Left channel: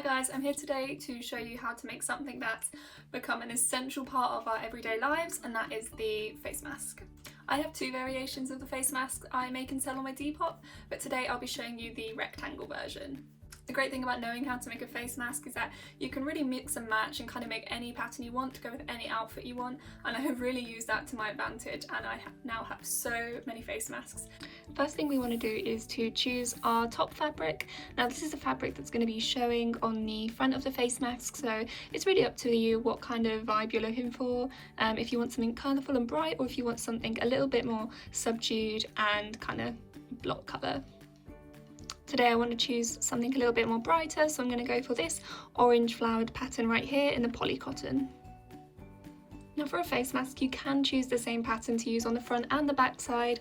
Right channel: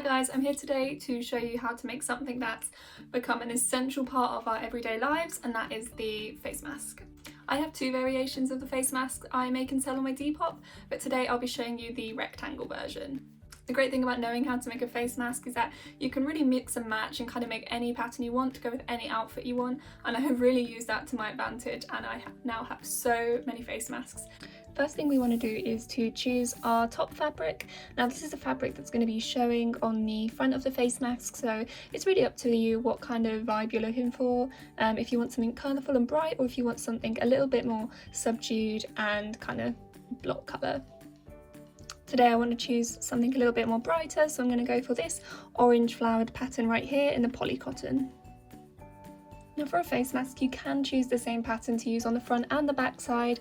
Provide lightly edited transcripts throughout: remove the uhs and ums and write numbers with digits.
Hi guys, I'm here today to show you how to make something that's become an essential part of our everyday lives, and that is the face mask. I have two variations of the face mask I make and sell on my Depop, but today I'll be showing you the rectangle version. The great thing about knowing how to make a face mask is that you can really mix and match and kind of make any pattern you want to go with any outfit you want, and I have really used that to my advantage, and I now have so many face masks. First thing we want to do is to choose our top fabric. Now this is the fabric that's going to be showing on the front of the face mask, so it's really up to you what kind of vibe you're looking for. If you want something colourful and bright, or if you want something a little bit more subdued and kind of block colour. Today I want to choose something a little bit more brighter, so I'm going to go for this orange flowered pattern right here in the poly cotton. Now for a face mask you can choose the same pattern to use on the front and the back side,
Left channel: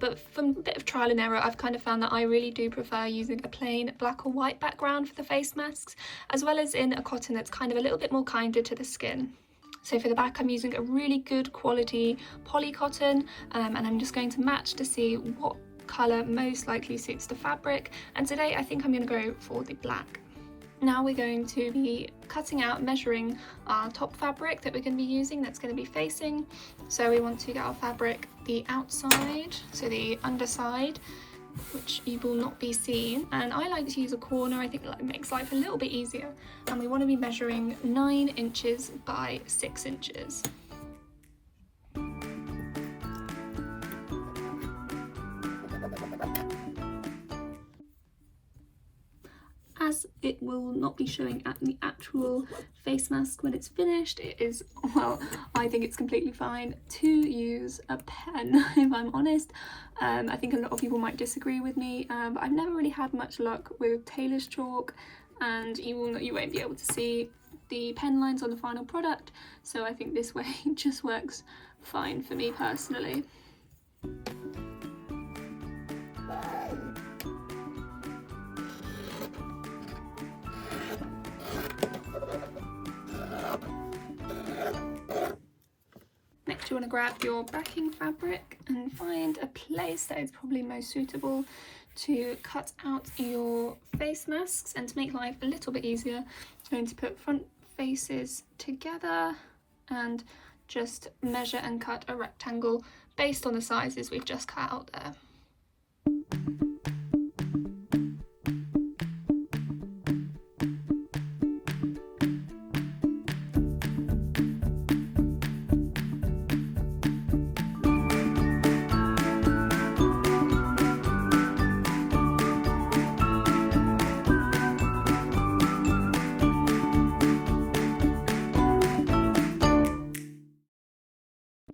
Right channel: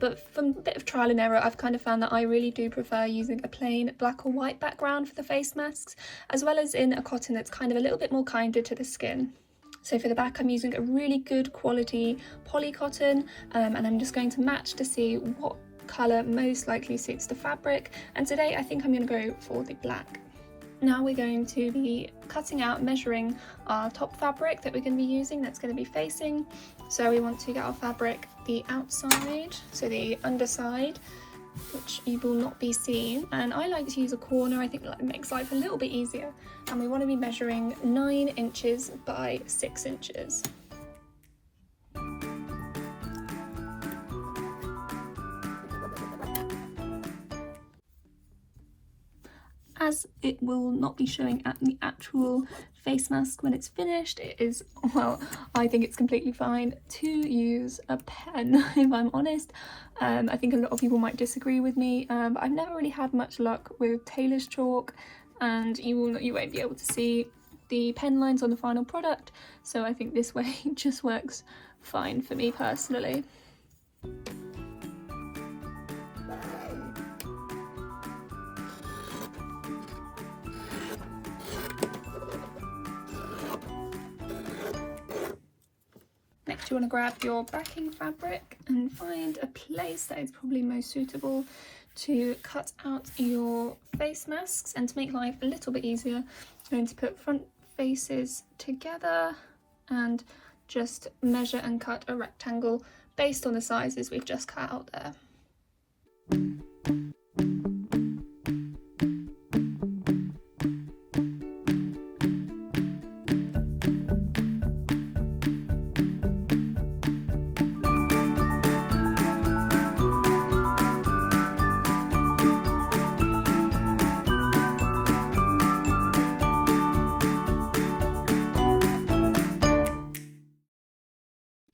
but from a bit of trial and error I've kind of found that I really do prefer using a plain black or white background for the face masks, as well as in a cotton that's kind of a little bit more kinder to the skin. So for the back I'm using a really good quality poly cotton, and I'm just going to match to see what colour most likely suits the fabric, and today I think I'm going to go for the black. Now we're going to be cutting out, measuring our top fabric that we're going to be using, that's going to be facing. So we want to get our fabric the outside, so the underside, which you will not be seen, and I like to use a corner. I think that makes life a little bit easier, and we want to be measuring 9 inches by 6 inches. As it will not be showing at the actual face mask when it's finished, it is, well, I think it's completely fine to use a pen, if I'm honest. I think a lot of people might disagree with me, but I've never really had much luck with tailor's chalk, and you won't be able to see the pen lines on the final product, so I think this way just works fine for me personally. Next you want to grab your backing fabric and find a place that is probably most suitable to cut out your face masks. And to make life a little bit easier, I'm going to put front faces together and just measure and cut a rectangle based on the sizes we've just cut out there.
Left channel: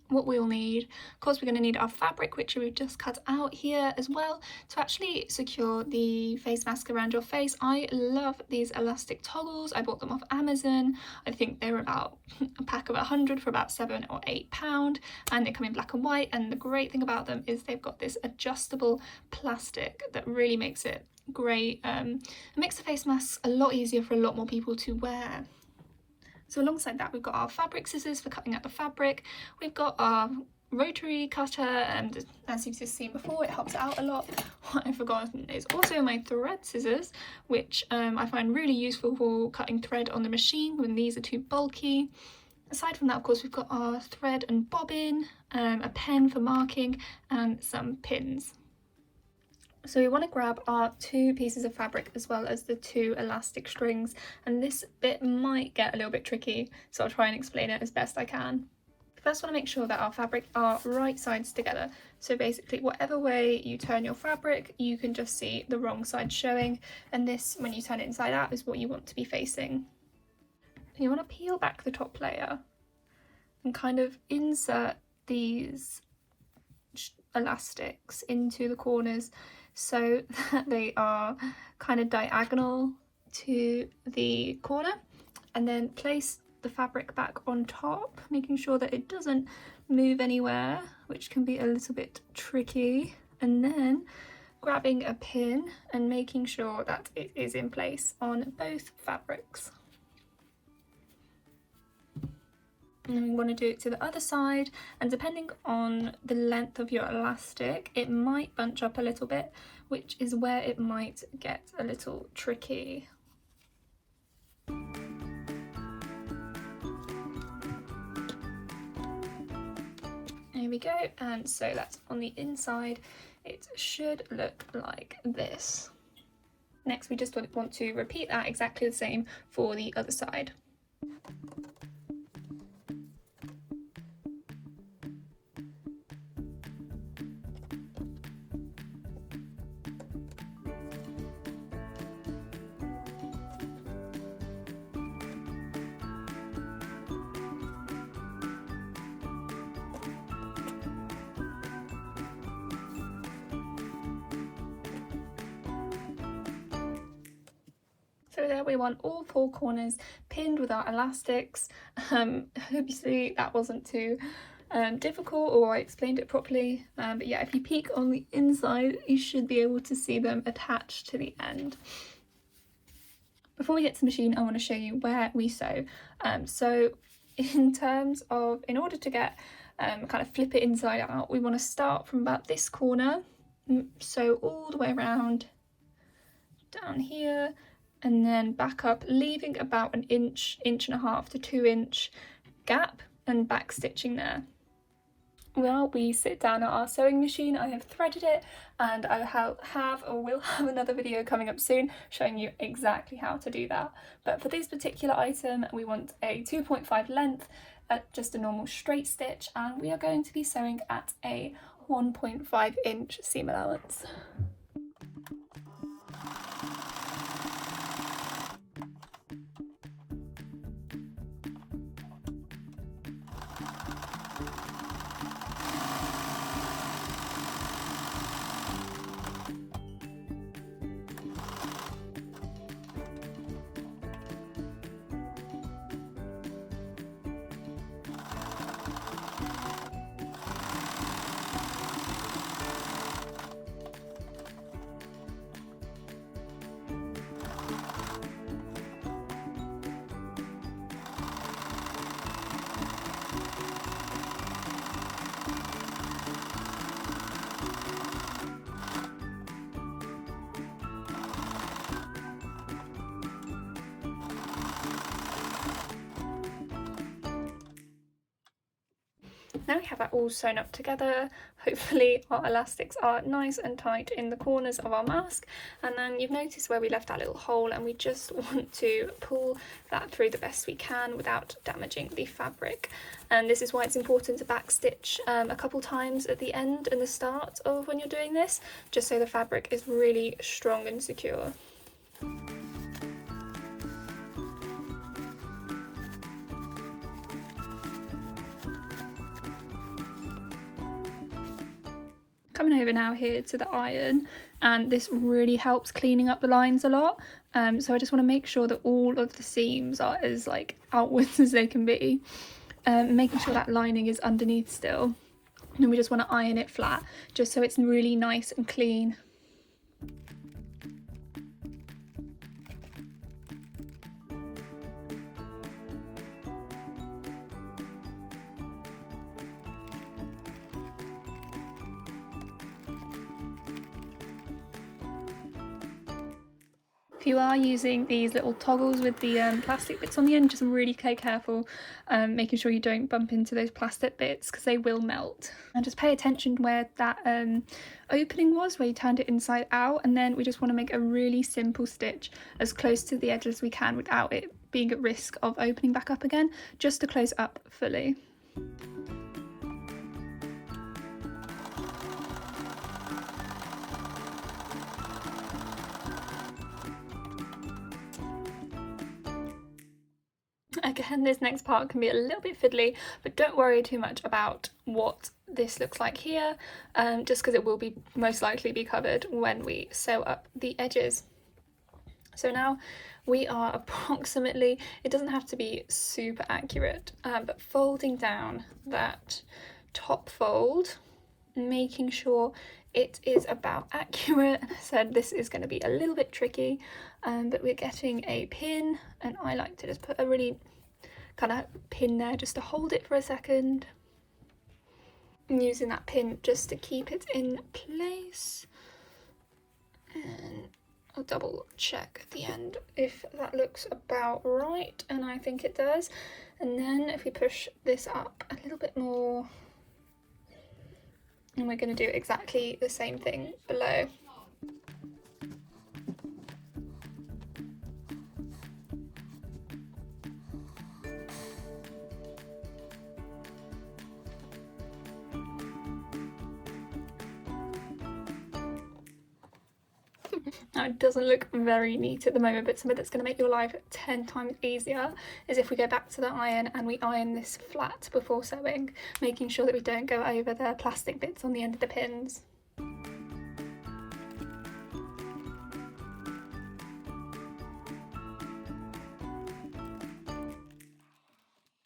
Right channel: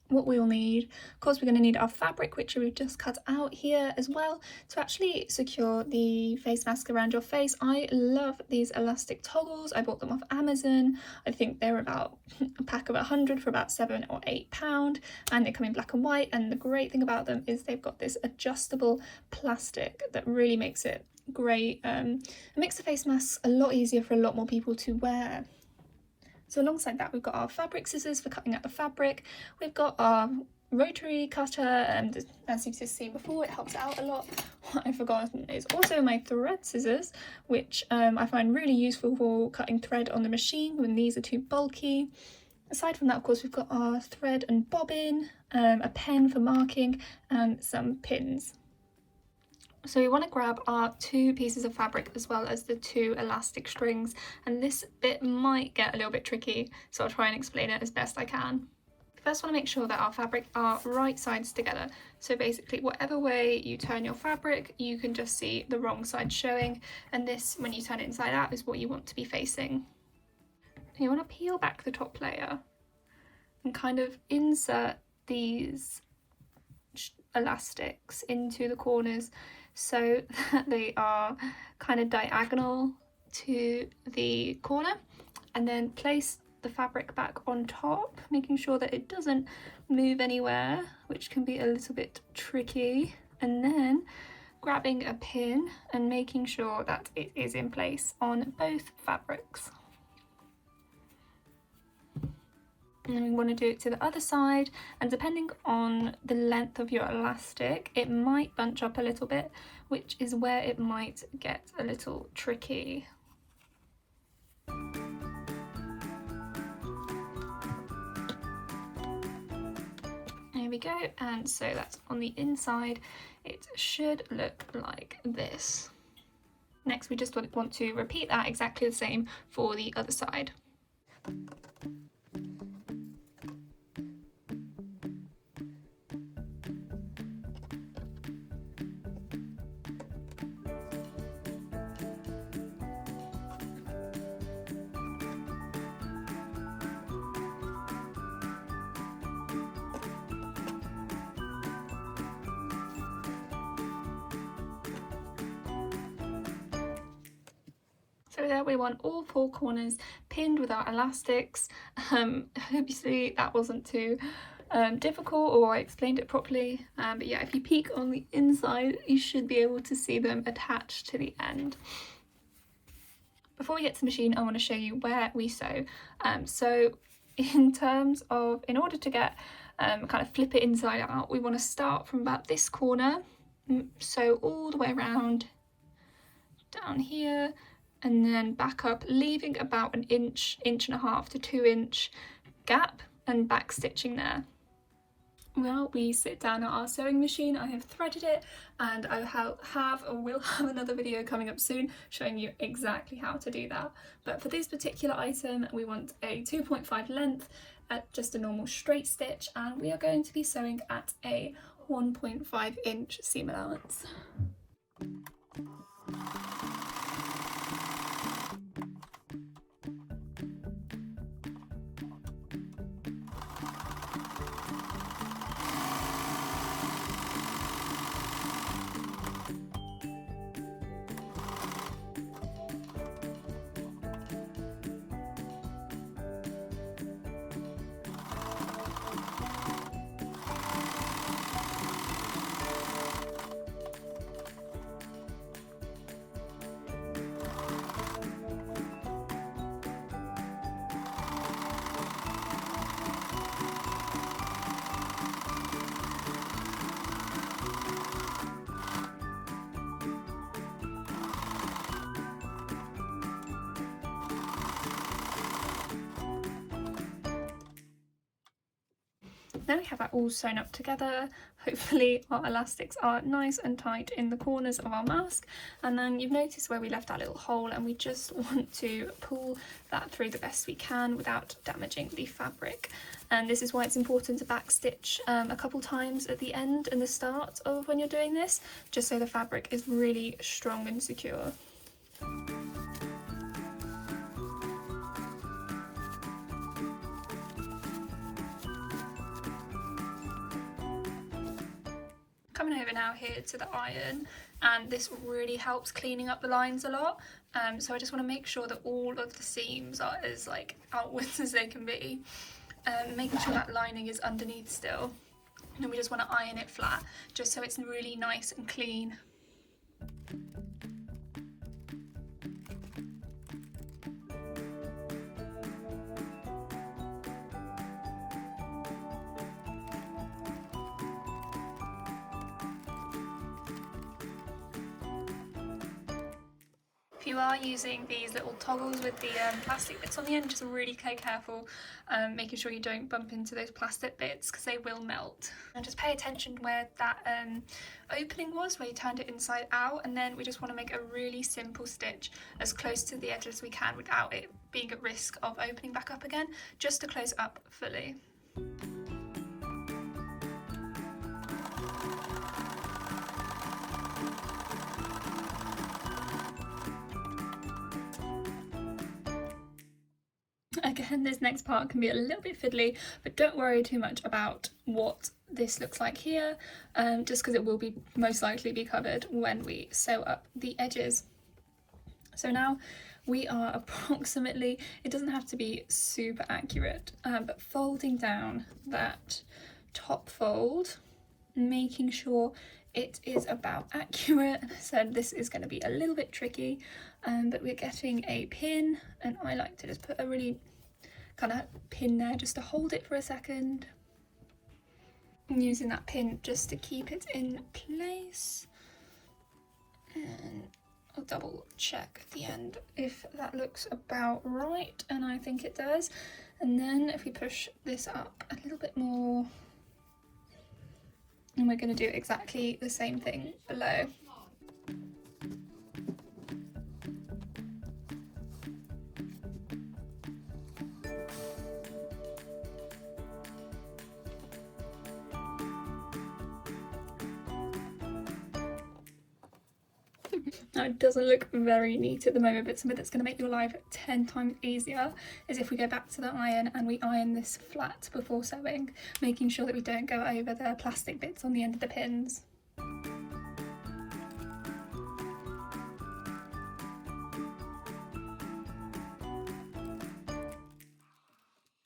What we'll need, of course, we're going to need our fabric, which we've just cut out here as well, to actually secure the face mask around your face. I love these elastic toggles. I bought them off Amazon. I think they're about a pack of 100 for about £7 or £8, and they come in black and white, and the great thing about them is they've got this adjustable plastic that really makes it great. It makes the face masks a lot easier for a lot more people to wear. So alongside that, we've got our fabric scissors for cutting out the fabric. We've got our rotary cutter, and as you've just seen before, it helps out a lot. What I've forgotten is also my thread scissors, which I find really useful for cutting thread on the machine when these are too bulky. Aside from that, of course, we've got our thread and bobbin, a pen for marking, and some pins. So we want to grab our 2 pieces of fabric as well as the 2 elastic strings, and this bit might get a little bit tricky, so I'll try and explain it as best I can. First, want to make sure that our fabric are right sides together. So basically, whatever way you turn your fabric, you can just see the wrong side showing, and this, when you turn it inside out, is what you want to be facing. You want to peel back the top layer and kind of insert these elastics into the corners so that they are kind of diagonal to the corner, and then place the fabric back on top, making sure that it doesn't move anywhere, which can be a little bit tricky, and then grabbing a pin and making sure that it is in place on both fabrics. And we want to do it to the other side, and depending on the length of your elastic, it might bunch up a little bit, which is where it might get a little tricky. we go, and so that's on the inside. It should look like this. Next, we just want to repeat that exactly the same for the other side. So there we want all 4 corners pinned with our elastics. Obviously that wasn't too difficult, or I explained it properly, but yeah, if you peek on the inside you should be able to see them attached to the end. Before we get to the machine, I want to show you where we sew. So in order to get kind of flip it inside out, we want to start from about this corner, sew all the way around down here, and then back up, leaving about an inch, inch and a half to 2 inch gap, and back stitching there. While we sit down at our sewing machine, I have threaded it, and I will have another video coming up soon showing you exactly how to do that. But for this particular item, we want a 2.5 length at just a normal straight stitch, and we are going to be sewing at a 1.5 inch seam allowance. Now we have that all sewn up together, hopefully our elastics are nice and tight in the corners of our mask, and then you've noticed where we left that little hole, and we just want to pull that through the best we can without damaging the fabric. And this is why it's important to backstitch a couple times at the end and the start of when you're doing this, just so the fabric is really strong and secure. Coming over now here to the iron, and this really helps cleaning up the lines a lot. So I just want to make sure that all of the seams are as outwards as they can be, making sure that lining is underneath still. And then we just want to iron it flat, just so it's really nice and clean. If you are using these little toggles with the plastic bits on the end, just really be careful, making sure you don't bump into those plastic bits because they will melt. And just pay attention where that opening was, where you turned it inside out, and then we just want to make a really simple stitch as close to the edge as we can without it being at risk of opening back up again, just to close up fully. Again, this next part can be a little bit fiddly, but don't worry too much about what this looks like here, just because it will be most likely be covered when we sew up the edges. So now we are approximately, it doesn't have to be super accurate, but folding down that top fold, making sure it is about accurate. And I said this is going to be a little bit tricky, but we're getting a pin, and I like to just put a really kind of pin there just to hold it for a second, and using that pin just to keep it in place. And I'll double check at the end if that looks about right, and I think it does. And then if we push this up a little bit more, And we're going to do exactly the same thing below. Now it doesn't look very neat at the moment, but something that's going to make your life 10 times easier is if we go back to the iron and we iron this flat before sewing, making sure that we don't go over the plastic bits on the end of the pins.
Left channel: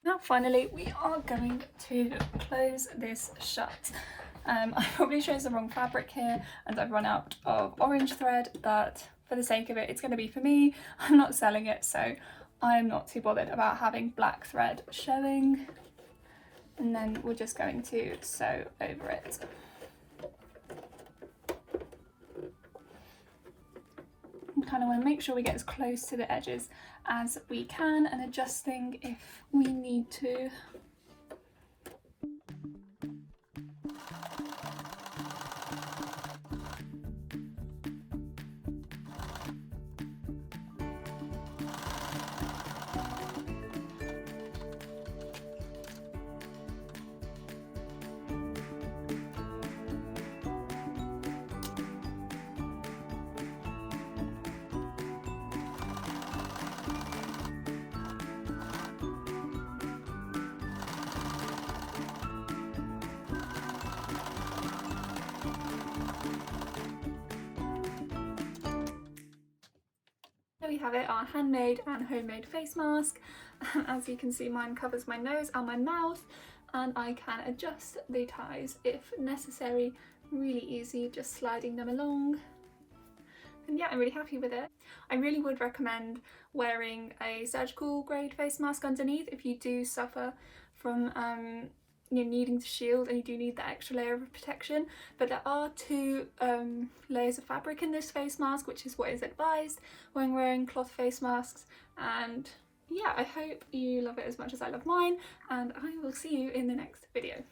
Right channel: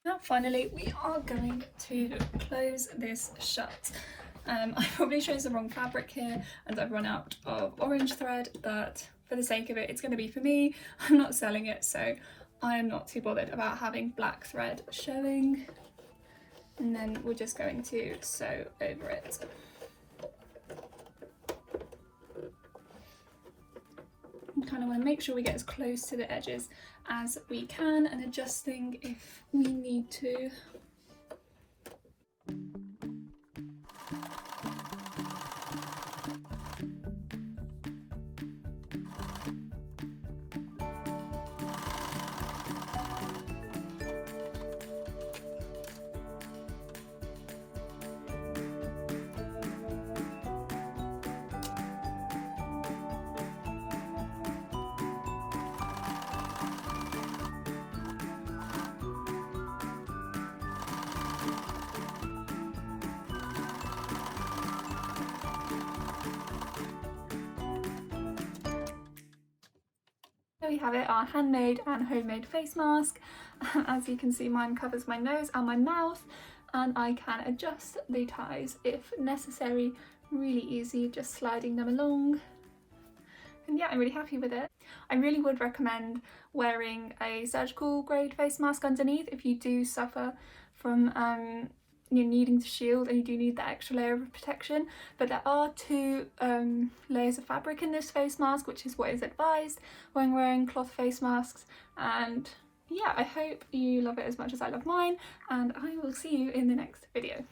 Now finally we are going to close this shut. I've probably chosen the wrong fabric here and I've run out of orange thread, but for the sake of it, it's going to be for me. I'm not selling it, so I'm not too bothered about having black thread showing. And then we're just going to sew over it. And kind of want to make sure we get as close to the edges as we can and adjusting if we need to. There we have it, our handmade and homemade face mask. As you can see, mine covers my nose and my mouth, and I can adjust the ties if necessary. Really easy, just sliding them along. And yeah, I'm really happy with it. I really would recommend wearing a surgical grade face mask underneath if you do suffer from you're needing to shield and you do need that extra layer of protection, but there are 2 layers of fabric in this face mask, which is what is advised when wearing cloth face masks. And yeah, I hope you love it as much as I love mine, and I will see you in the next video.